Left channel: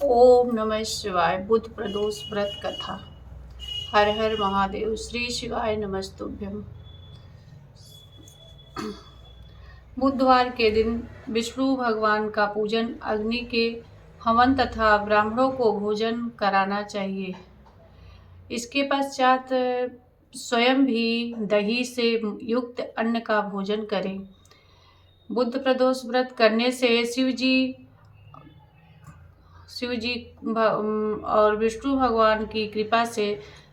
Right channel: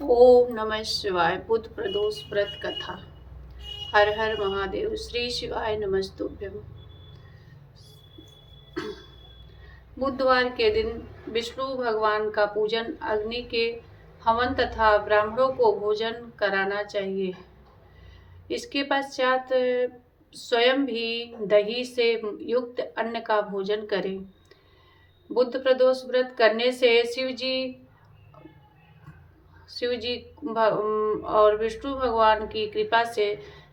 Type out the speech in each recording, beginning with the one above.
ओम नमः शिवाय। बुध प्रदोष व्रत कथा। हर हर महादेव। श्री शिवाय नमस्तुभ्यम। बुधवार के दिन विष्णु भगवान का पूजन, अग्नि के हवन तथा ब्राह्मणों को भोजन कराना चाहिए। इसके पश्चात स्वयं भी दही से युक्त अन्न का भोजन करें। बुध प्रदोष व्रत करने से शिव जी और विष्णु भगवान की कृपा से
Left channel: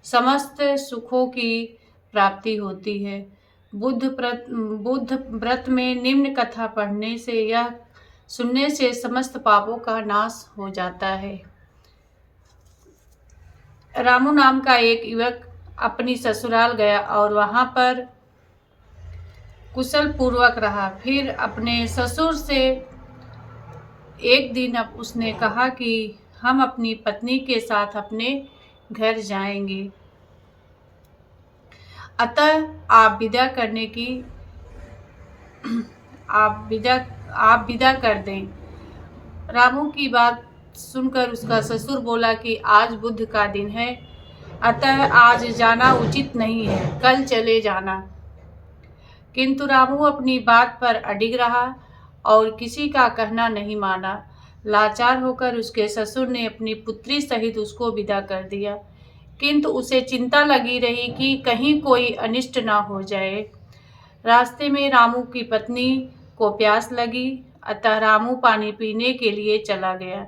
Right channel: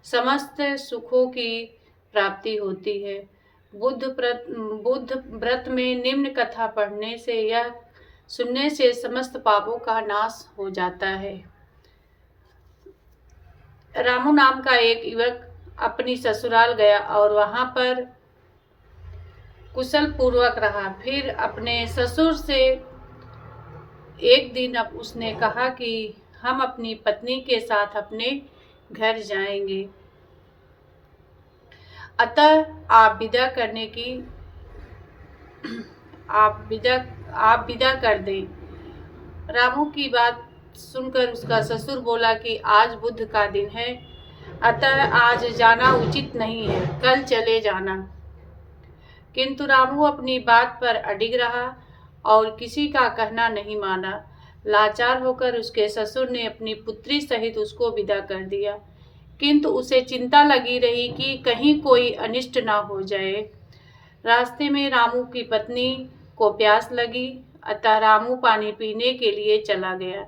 समस्त सुखों की प्राप्ति होती है। बुध व्रत में निम्न कथा पढ़ने से यह सुनने से समस्त पापों का नाश हो जाता है। रामू नाम का एक युवक अपनी ससुराल गया और वहां पर कुशल पूर्वक रहा। फिर अपने ससुर से एक दिन अब उसने कहा कि हम अपनी पत्नी के साथ अपने घर जाएंगे, अतः आप विदा कर दें। रामू की बात सुनकर उसका ससुर बोला कि आज बुध का दिन है, अतः आज जाना उचित नहीं है, कल चले जाना। किंतु रामू अपनी बात पर अडिग रहा और किसी का कहना नहीं माना। लाचार होकर उसके ससुर ने अपनी पुत्री सहित उसको विदा कर दिया, किंतु उसे चिंता लगी रही कि कहीं कोई अनिष्ट ना हो जाए। रास्ते में रामू की पत्नी को प्यास लगी, अतः रामू पानी पीने के लिए चला गया।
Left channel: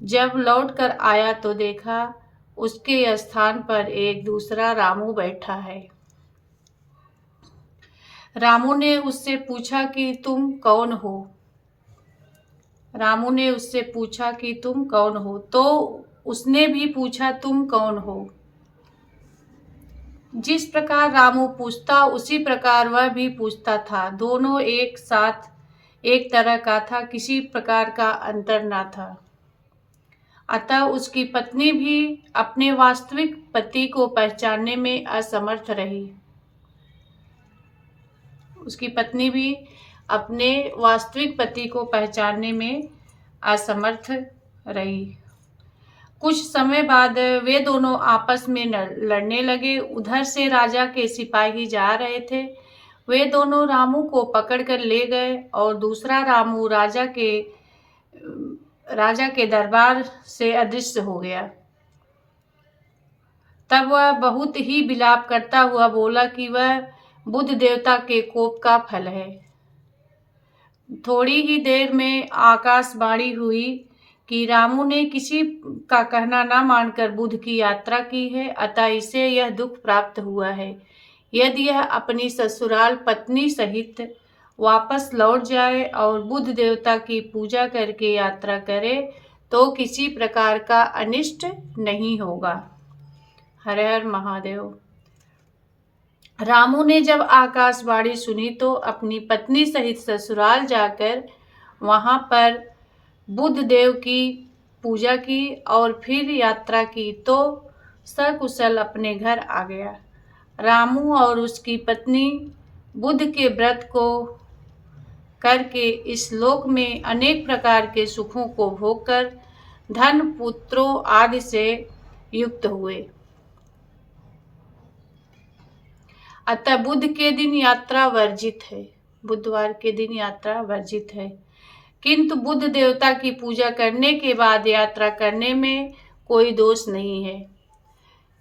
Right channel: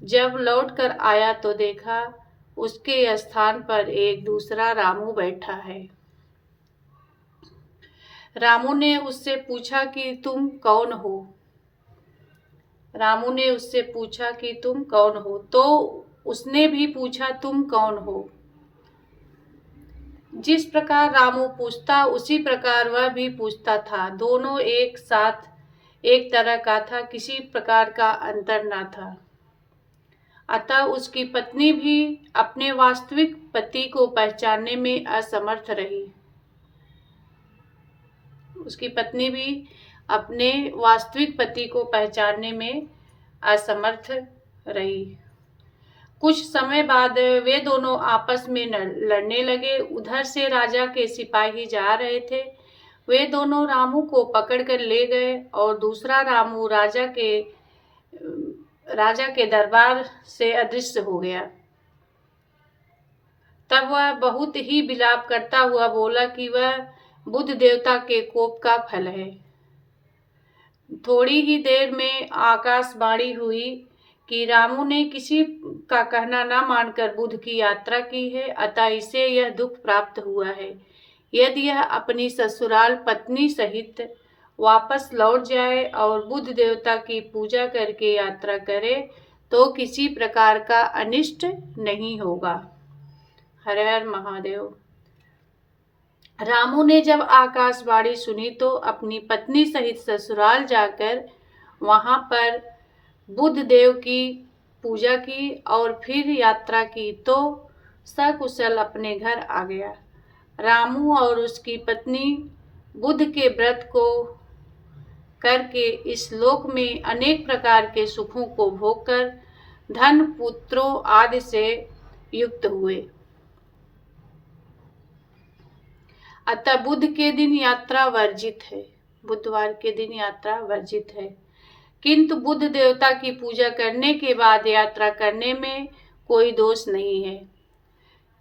जब लौट कर आया तो देखा उसके स्थान पर एक दूसरा रामू बैठा है। रामू ने उससे पूछा कि तुम कौन हो। तो उसने भी पूछा तुम कौन हो। जिस प्रकार रामू पूछता उसी प्रकार वह भी पूछता था। दोनों एक साथ एक तरह का था, किसी प्रकार का अंतर न था। अतः उसकी पत्नी भी अपने वास्तविक पति को पहचानने में असमर्थ रही। कुछ समय बाद वे दोनों आपस में लड़ने लगे। उधर से राजा के सिपाही जा रहे थे। वे दोनों रामू को पकड़कर ले गए और दूसरा रामू राजा के दरबार से अदृश्य हो गया। तब वह बहुत ही विलाप करता हुआ बोला कि वह बुध देवता के कोप का फल है। थोड़ी ही देर में आकाशवाणी हुई कि रामू ने किसी का कहना न मानकर बुध की यात्रा की है, अतः इसे यह दुख प्राप्त हुआ है। यदि यह अपनी ससुराल पत्नी सहित वापस लौट जाए और बुध देवता की पूजा करके यात्रा करे तो किसी प्रकार का अनिष्ट नहीं होगा। हर हर महादेव। रामू ने जब आकाशवाणी सुनी तो अपनी पत्नी सहित ससुराल जाकर वहां पर बुध देव की पूजा की और फिर यात्रा की तो सकुशल अपने घर आ गया। रामू और उसकी पत्नी बुध के व्रत को करके इस लोक में अनेक प्रकार के सुखों को भोगकर धन पुत्रों आदि से युक्त हुए। अतः बुध के दिन यात्रा वर्जित है। बुधवार के दिन यात्रा वर्जित है, किंतु बुध देवता की पूजा करने के बाद यात्रा करने में कोई दोष नहीं है।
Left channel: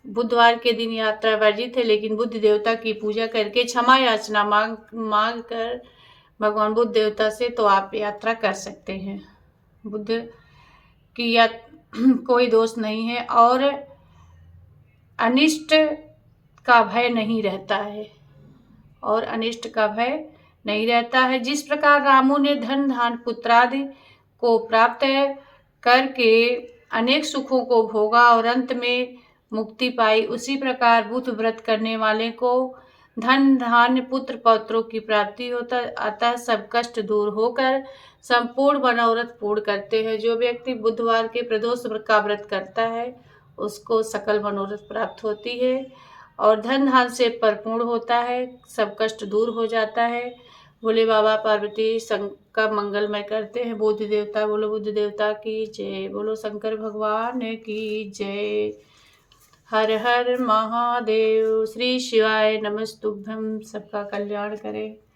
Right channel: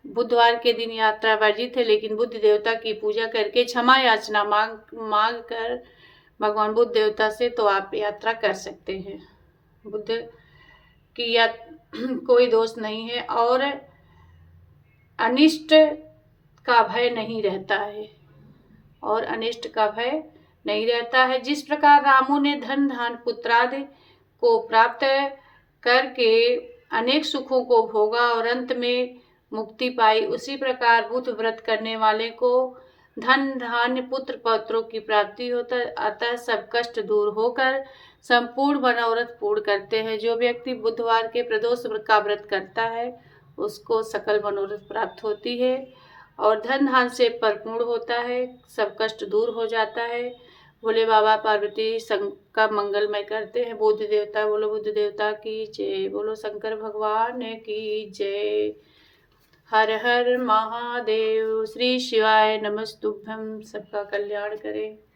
बुधवार के दिन यात्रा वर्जित है, लेकिन बुध देवता की पूजा करके क्षमा याचना मांग कर भगवान बुध देवता से तो आप यात्रा कर सकते हैं। बुध की कोई दोष नहीं है और अनिष्ट का भय नहीं रहता है। जिस प्रकार रामू ने धन धान पुत्रादि को प्राप्त करके अनेक सुखों को भोगा और अंत में मुक्ति पाई, उसी प्रकार बुध व्रत करने वाले को धन धान्य पुत्र पौत्रों की प्राप्ति होता है। अतः सब कष्ट दूर होकर संपूर्ण मनोरथ पूर्ण करते हैं। जो व्यक्ति बुधवार के प्रदोष का व्रत करता है उसको सकल मनोरथ प्राप्त होती है और धन धान से परिपूर्ण होता है, सब कष्ट दूर हो जाता है। भोले बाबा पार्वती का मंगलमय करते हैं। बुद्ध देवता, बोलो बुद्ध देवता की जय, बोलो शंकर भगवान की जय। हर हर महादेव। श्री शिवाय नमस्तुभ्यं। सबका कल्याण करें।